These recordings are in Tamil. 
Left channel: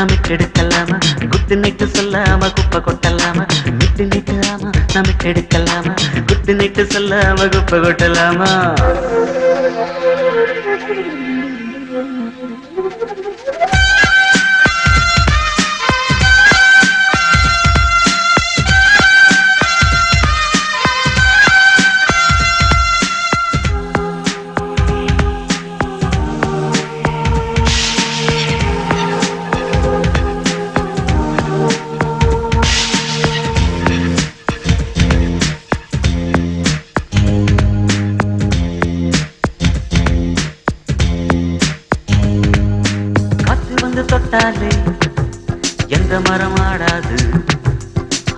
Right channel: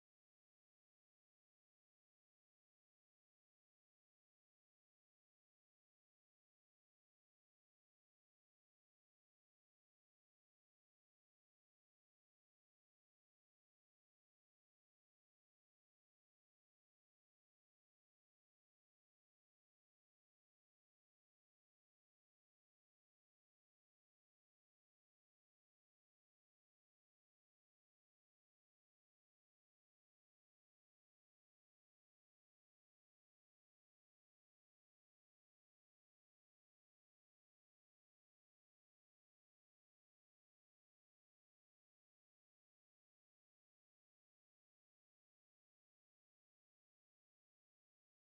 நமிட்டெடுக்கலாமா குத்து நிட்டு சொல்லாம குப்பை கொட்டலாமா மிட்டு நிட்டு ஆமா நமிட்டெடுக்கலாமா குத்து நிட்டு சொல்லாம குப்பை கொட்டலாமா தொட்டாலே எந்த மரம் ஆடாது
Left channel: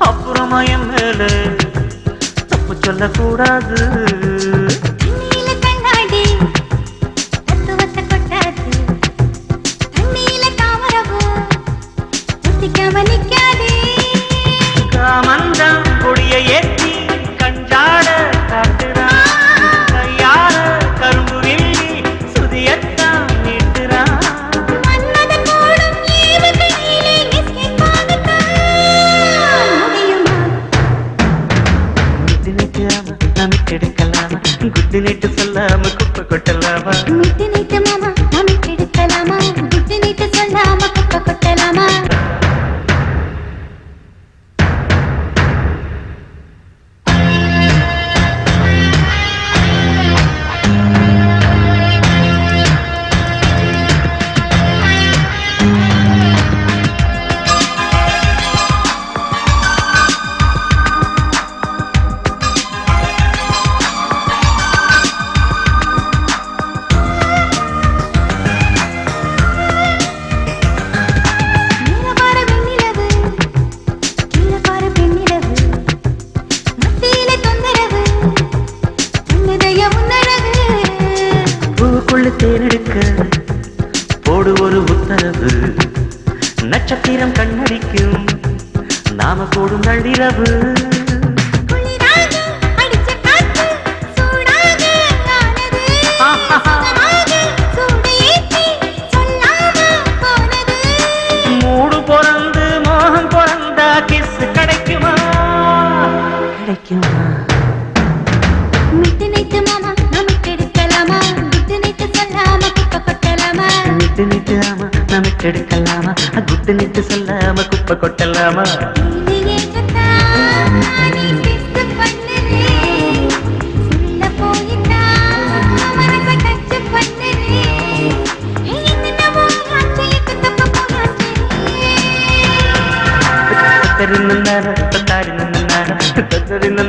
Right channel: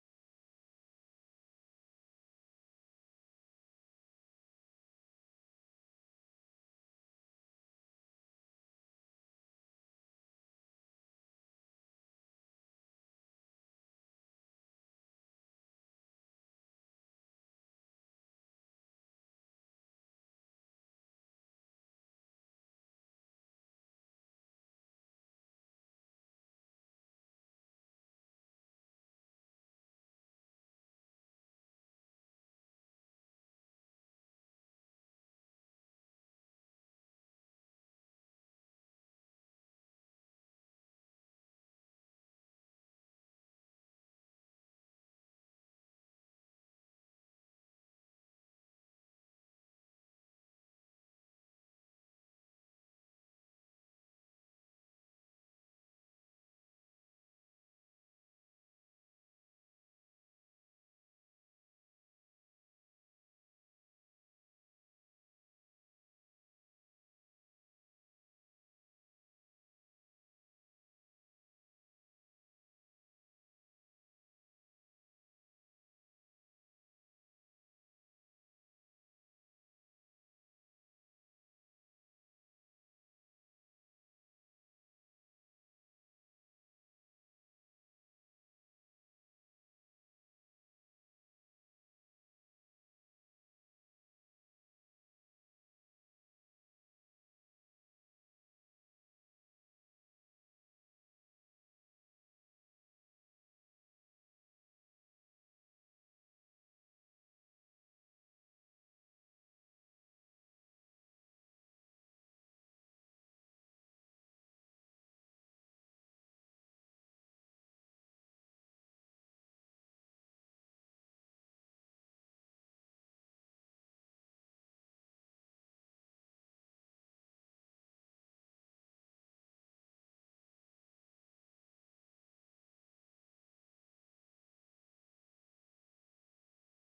அப்புறமா என் மேல தப்பு சொல்லக்கூடாது காமந்தம் கொடிய ஏற்றி கஞ்சாட காட்டுறான் கையால கரும்பு வில்லி சுதியத்தான் நீட்டுறான் நமிட்டெடுக்கலாமா குத்து நீட்டு சொல்லாம குப்பை கொட்டலாமா மிட்டு நீட்டு மாமா நமிட்டெடுக்கலாமா குத்து நீட்டு சொல்லாம குப்பை கொட்டலாமா தேனெடுக்க போடு ஒரு உத்தரவு நட்சத்திரம் கண்ணடிக்கும் நாம போடும் நள்ளிரவு மூடு பொறந்து மோகம் பொறந்தா கிஸ் கிடைக்குமா கிடைக்குமா மிட்டு நீட்டு மாமா நமிட்டெடுக்கலாமா குத்து நீட்டு சொல்லாம குப்பை கொட்டலாமா மிட்டு நீட்டு ஆமா நமிட்டெடுக்கலாமா குத்து நீட்டு சொல்லாம குப்பை கொட்டலாமா தத்தரின்